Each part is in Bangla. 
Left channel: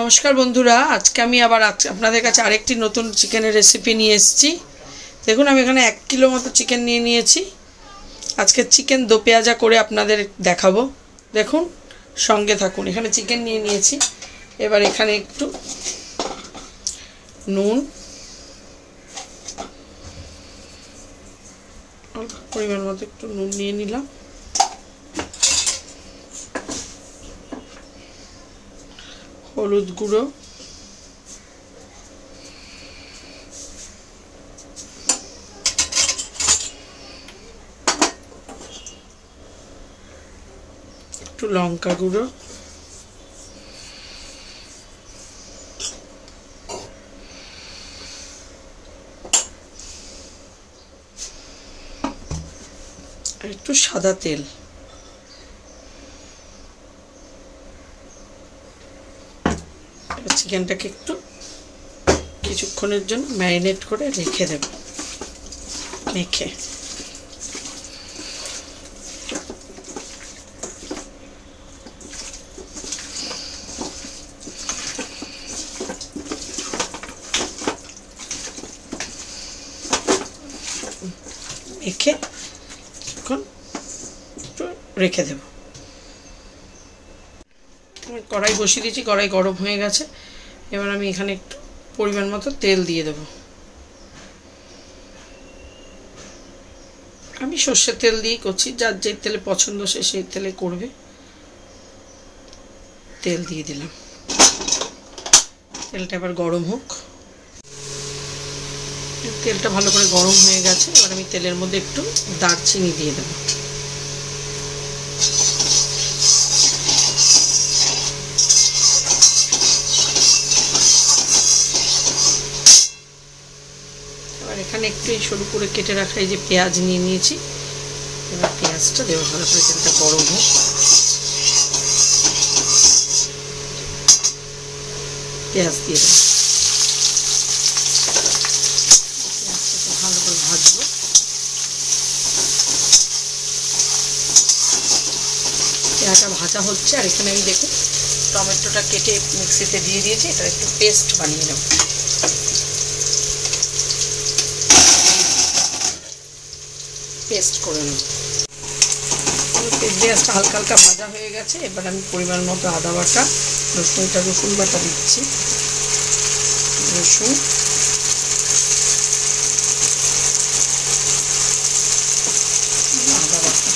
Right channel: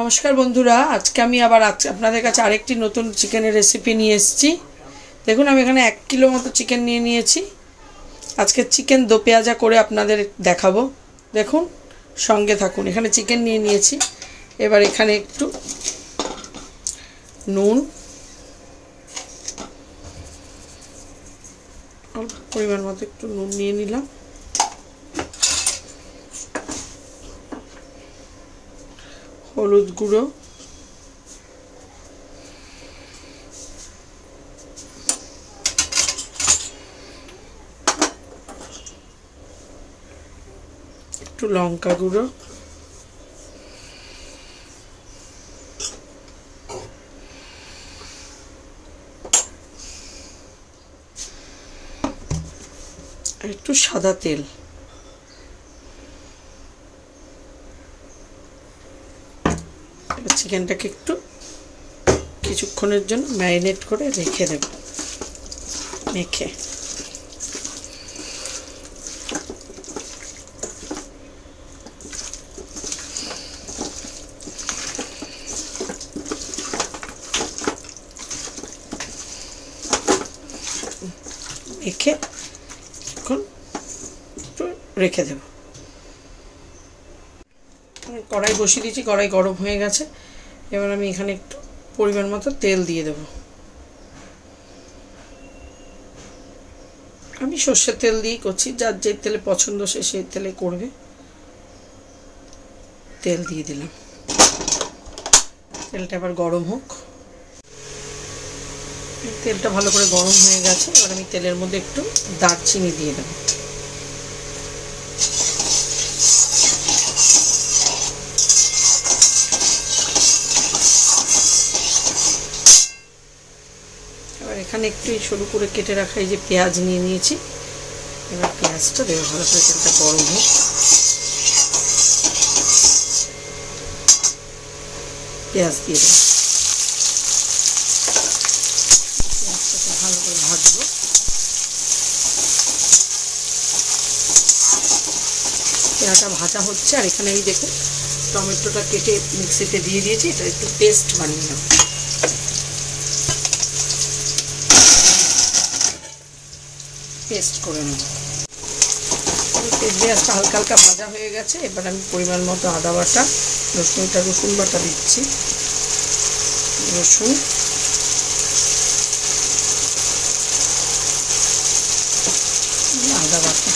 নমস্কার বন্ধুরা, আজকে আমি আবার আপনাদের কাছে আরেকটি নতুন চিকেনের রেসিপি নিয়ে এসেছি। দেখুন, আমি এখানে 1 কিলো মতো চিকেন নিয়ে নিয়েছি। আজকে চিকেন দো পেঁয়াজা করে আপনাদের দেখাবো। দেখুন, সঙ্গে থাকুন। এখানে চিকেন নিয়ে নিয়েছি। এবার এখানে একটু নুন, অল্প পরিমাণ মতো একটু নুন নিয়ে নিলাম। হলুদ গুঁড়ো, একটু লঙ্কা গুঁড়ো, আর একটু সাদা তেল। চিকেনটাকে একটু কিছুক্ষণের জন্য ম্যারিনেট করে রেখে দেব। মেখে এখন একটু রেখে দেব। কড়াই বসিয়ে দিয়েছি, কড়াই গরম হয়ে গেছে। এবার আমি এখানে একটু পরিমাণ মতো তেল দিয়ে দেব। আমি সর্ষের তেল দিয়েই করছি, যার যে তেলে পছন্দ সে সেই তেলে করবে। তেল দিয়ে দিলাম। তেলটা এবার গরম হোক। তেলটা ভালো করে গরম হয়ে গেছে। এবার আমি তেলের মধ্যে একটু দারচিনি দিয়ে দেব। এখানে একটু সরু করে কেটে রাখা এই যে পেঁয়াজ নিয়ে নিয়েছি। এবার পেঁয়াজটা দেবো। ভালো করে তেলটা গরম হোক। পেঁয়াজ দিয়ে দেবো। পেঁয়াজটাকে ভালো করে ভাজবো। পেঁয়াজটা ভাজা হচ্ছে। আর এখানে আমি দেখুন টমেটোটা কেটে মিক্সিতে দিয়ে দিয়েছি। এটা একটু পেস্ট বানিয়ে নেব। পেস্ট করে নেব। পেঁয়াজটা হালকা হালকা ভাজা হয়ে গেছে। এবার আমি পরিমাণ মতো আদা বাটা, রসুন বাটা দিচ্ছি। রসুন, আদা বাটা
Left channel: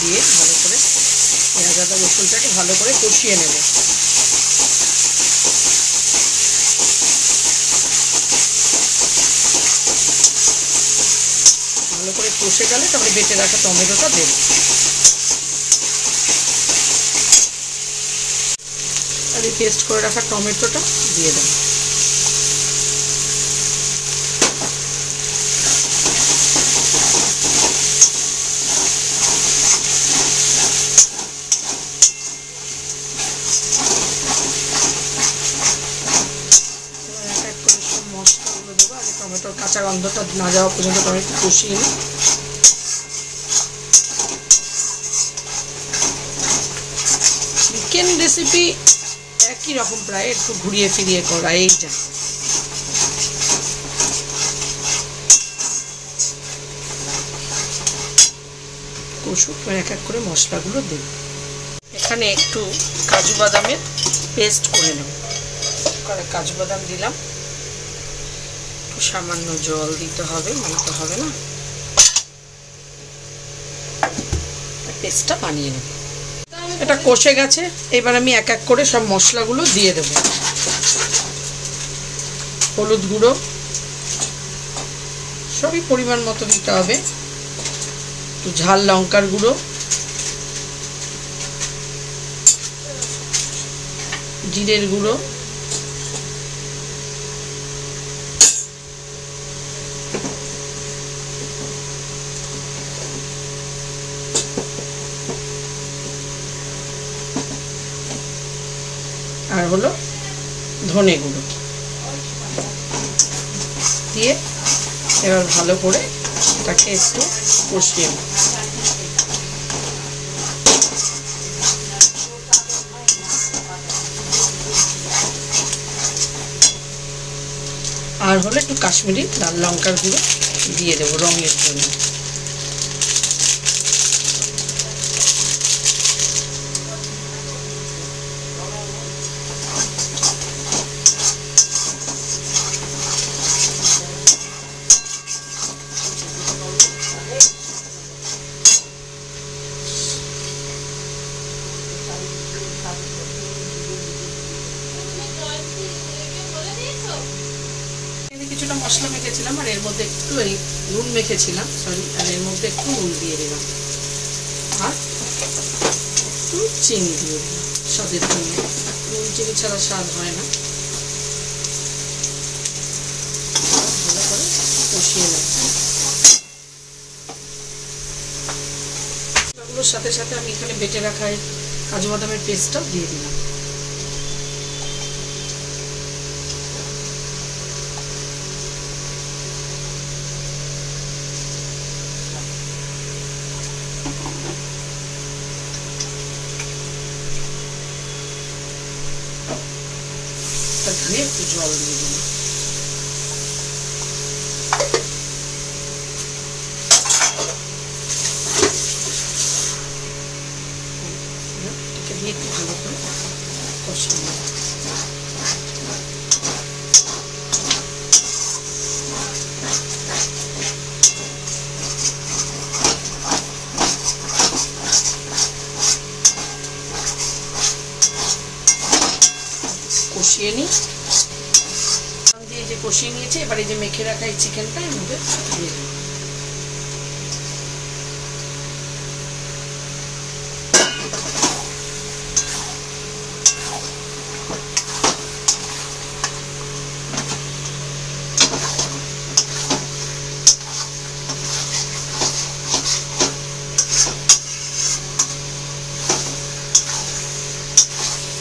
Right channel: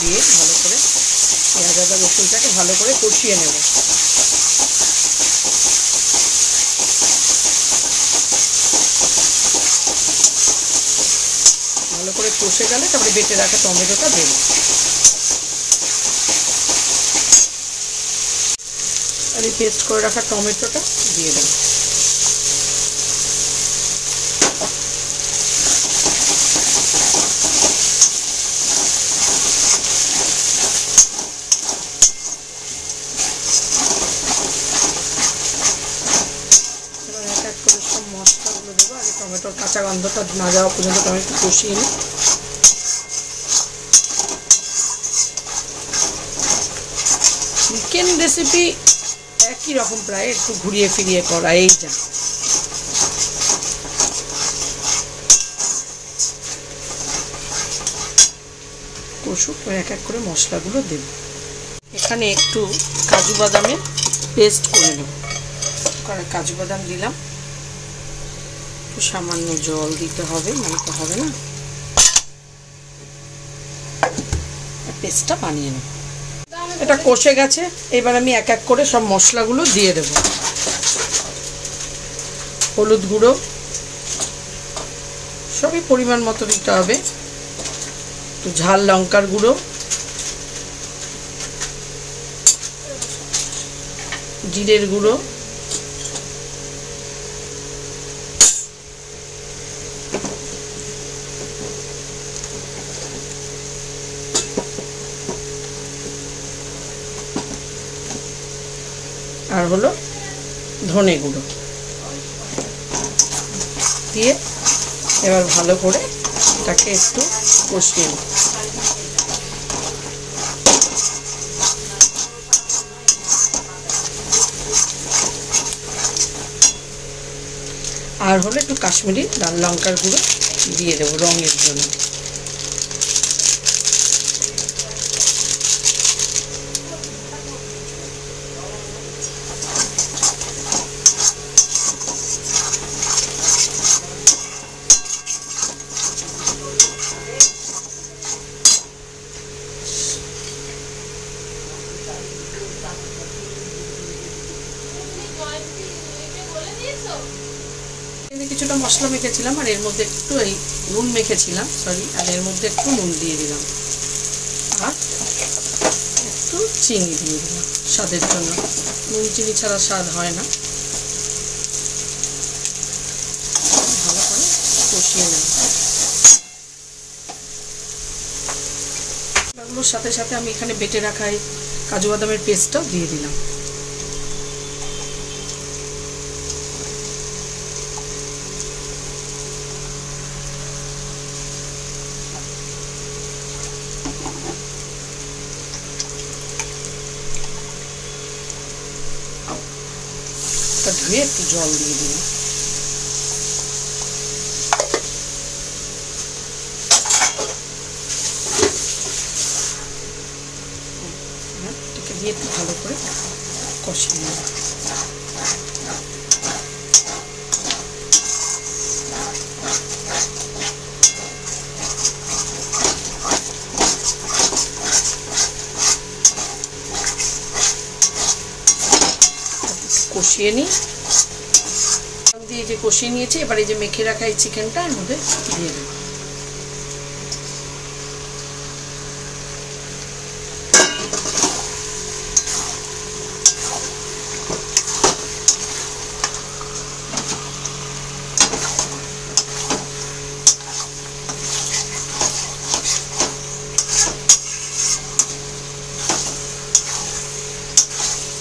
দিয়ে ভালো করে পেঁয়াজ আদা রসুনটাকে ভালো করে কষিয়ে নেব। ভালো করে কষে গেলে তারপরে বেটে রাখা টমেটোটা দেব। আর এই পেস্ট করে রাখা টমেটোটা দিয়ে দেব। মশলাগুলো দেবো। আগে টমেটোর কাঁচা গন্ধটা না যাওয়া পর্যন্ত টমেটো কষিয়ে নিই। চিকেন রেসিপি একই রকম, প্রায় একটু ঘুরিয়ে ফিরিয়ে করা। এই যা কষুক, এক এক করে মশলাগুলো দেব। এখানে একটু কাজু বাদামের পেস্ট করে নেব। কাজু বাদাম দিলাম। সামান্য জল দিতে হবে, মানতে হবে না। পেস্টটা বানিয়ে নেব। এটা কষে গেছে। এবার আমি এক এক করে সব মশলাগুলো দিয়ে দেব। হলুদ গুঁড়ো সবই পরিমাণ মতো দিতে হবে। একটু ঝাল লঙ্কার গুঁড়ো, জিরের গুঁড়ো, আর হলো ধনে গুঁড়ো দিয়ে এবার ভালো করে এটাকে একটু কষিয়ে নেব। আর হলে একটু কাশ্মীরি লাল লঙ্কার গুঁড়ো দিয়ে দেবো রঙের জন্য। কিছুটা মশলা মেখেছিলাম আর এর মধ্যে একটু এই নুন মেখেছিলাম, সরি, আর এর মধ্যে একটু নুন দিয়ে দিলাম আর একটু চিনি দিয়ে দিলাম স্বাদের জন্য। নুন চিনি ছাড়া স্বাদ হয় না। ভালো করে কষিয়ে নেব। এগুলোর সাথে সাথে আমি এখানে বেটে রাখা কাজু বাদামের পেস্টটাও দিয়ে দিলাম। ধুয়ে একটু জল দিয়ে দিলাম। এটাকে দিয়ে একটু ভালো করে কষিয়ে নেব। কষিয়ে নিই দিয়ে যে কষিয়ে নিয়েছি। এবার এই যে মেখে রাখা এই চিকেনটা এর মধ্যে দিয়ে দেব।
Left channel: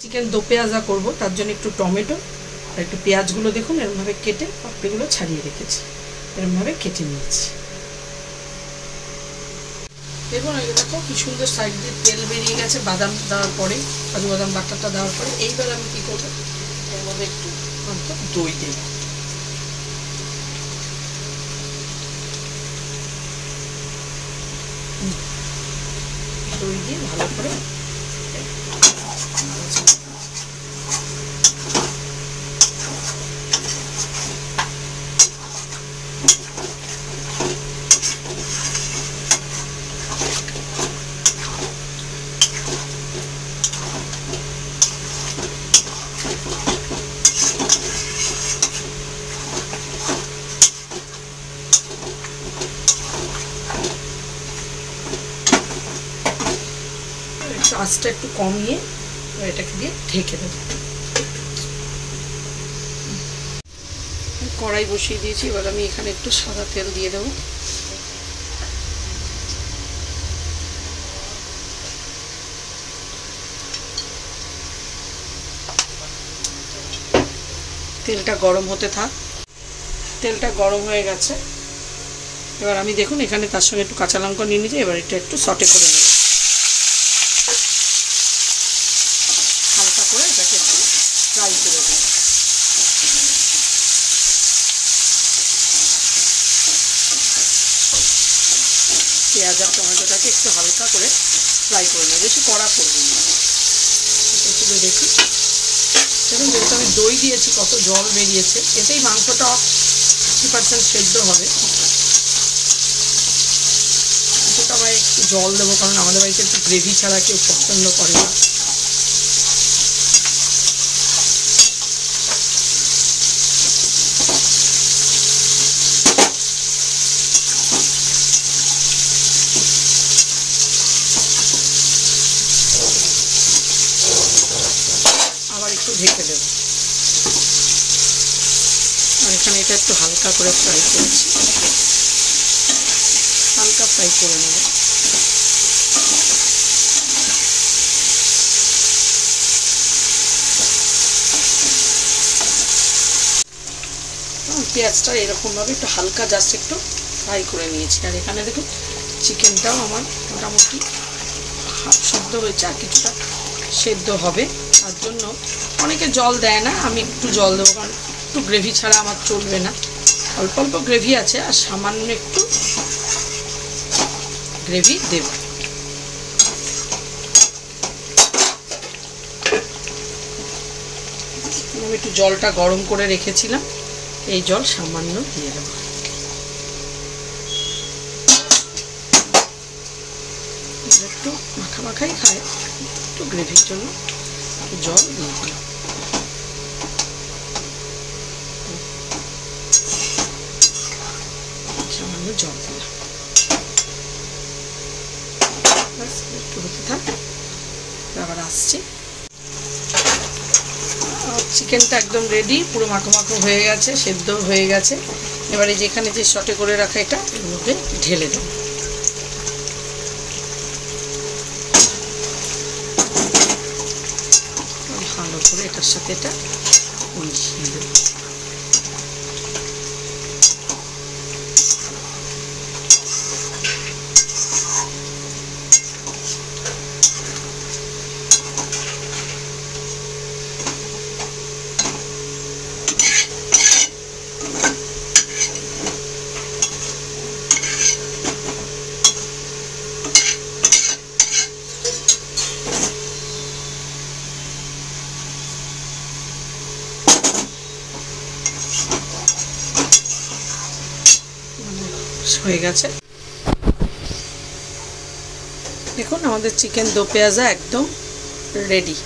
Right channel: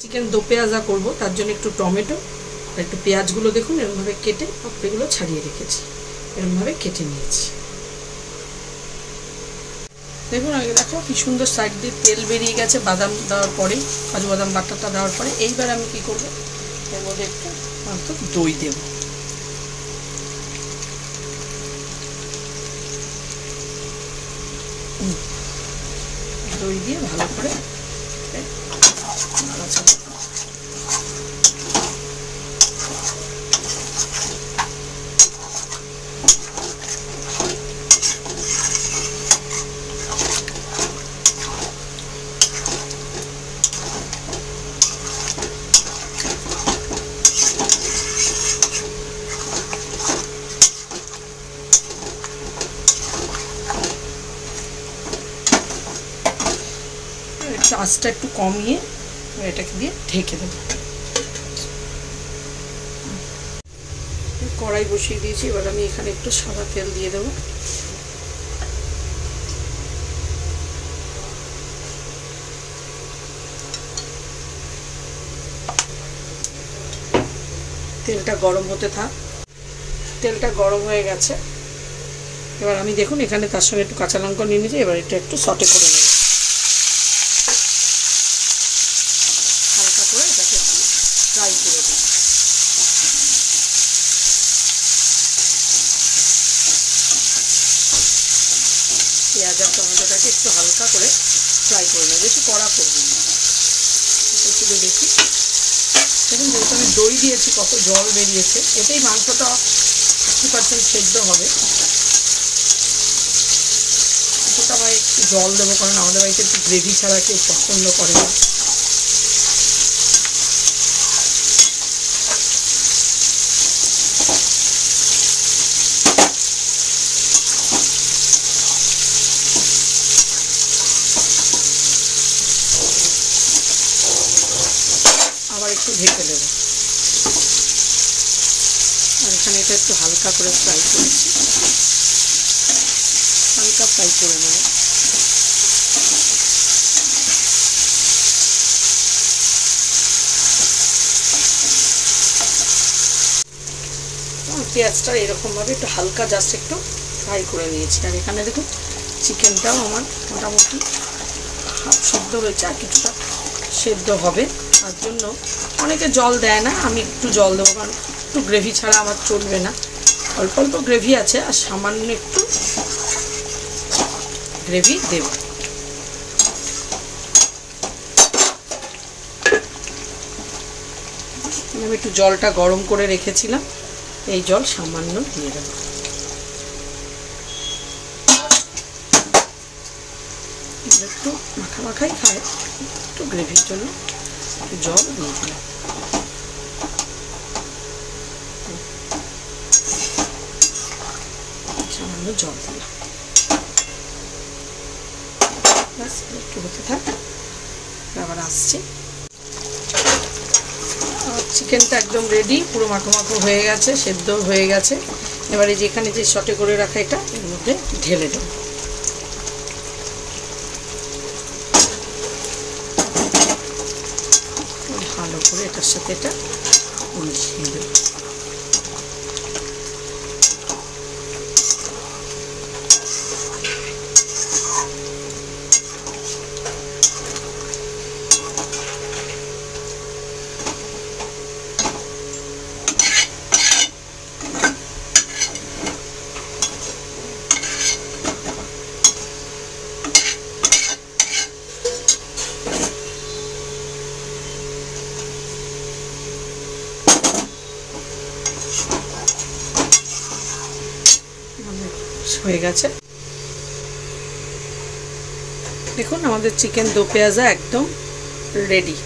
চিকেন দো পেঁয়াজা করবো, তার জন্য একটু টমেটো আর একটু পেঁয়াজগুলো দেখুন এরকমভাবে কেটে পাপড়িগুলো ছাড়িয়ে রেখেছি, এরকমভাবে কেটে নিয়েছি। দেখুন আগে দেখো কি সুন্দর সাইড দিয়ে তেল বেরিয়ে গেছে বাদাম দেওয়ার পরে, কাজু বাদাম বাটাটা দেওয়ার পরে। এইবার আমি কি করবো, এর মধ্যে একটু দই দেব। দই দিয়ে ভালো করে আঁচটা একটু কমিয়ে এটাকে দিয়ে ঢেকে দেবো। কড়াই বসিয়ে দিয়েছি, এবার আমি এখানে একটু সাদা তেল দিয়ে দেবো। তেলটা গরম হতে থাক। তেলটা গরম হয়ে গেছে। এবার আমি দেখুন এখানে তার সঙ্গে একটু কাঁচা লঙ্কা নিয়ে নিয়েছি। এবার এটা একটু সটে করে নেব, হালকা করে এটাকে একটু ফ্রাই করে দেব। পেঁয়াজ আর টমেটোটাকে একটু হালকা করে ফ্রাই করে নেব, বেশি কড়া করবেন না। এটা শুধু দেখি দেখুন, যেহেতু আমি দই দিয়েছি কত জল বেরিয়েছে, এতেই মাংসটা 50% সেদ্ধ হবে। কিছুটা আবার একটু জল দেবো, কারণ আমাদের বাড়িতে একটু গ্রেভি ছাড়া কেউ পছন্দ করে না। আবার একটু ঢেকে দেব। আর এখানে এটা একটু হালকা করে ফ্রাই করেছি, হালকা ফ্রাই করে নেব। পেঁয়াজটা এরকমভাবে একটু হালকা জাস্ট একটু ফ্রাই করে নিয়েছি। আর এখানে দেখুন চিকেনটাও আমার মোটামুটি হাফ সেদ্ধ হয়েছে, আর কিছুটা সেদ্ধ হবে। তার জন্য অনেকে জল দেয় না, আমি একটু জল দেবো, কারণ একটু গ্রেভি ছাড়া আমার চলবে না। অল্প অল্প গ্রেভি আছে, আর সামান্য একটু গ্রেভি দেব। আমি একটু জলটা গরম করে রেখেছিলাম, এই জল সামান্য দিয়ে দেব। একটু মাখা মাখাই খায়, একটু গ্রেভির জন্য একটু জল দিয়ে দিলাম। সামান্য জল দিলাম, একটু হতে থাক। আবার আসছি। চিকেনটা একদম রেডি, পুরো মাখো মাখো হয়ে গেছে, সেদ্ধ হয়ে গেছে। এবারে যেখানে যে সটে করে রাখা এটা এর মধ্যে ঢেলে দেব। ভালো করে এটার সাথে এটা মিশিয়ে দেব। হয়ে গেছে। দেখুন আমাদের চিকেন দো পেঁয়াজা একদম রেডি।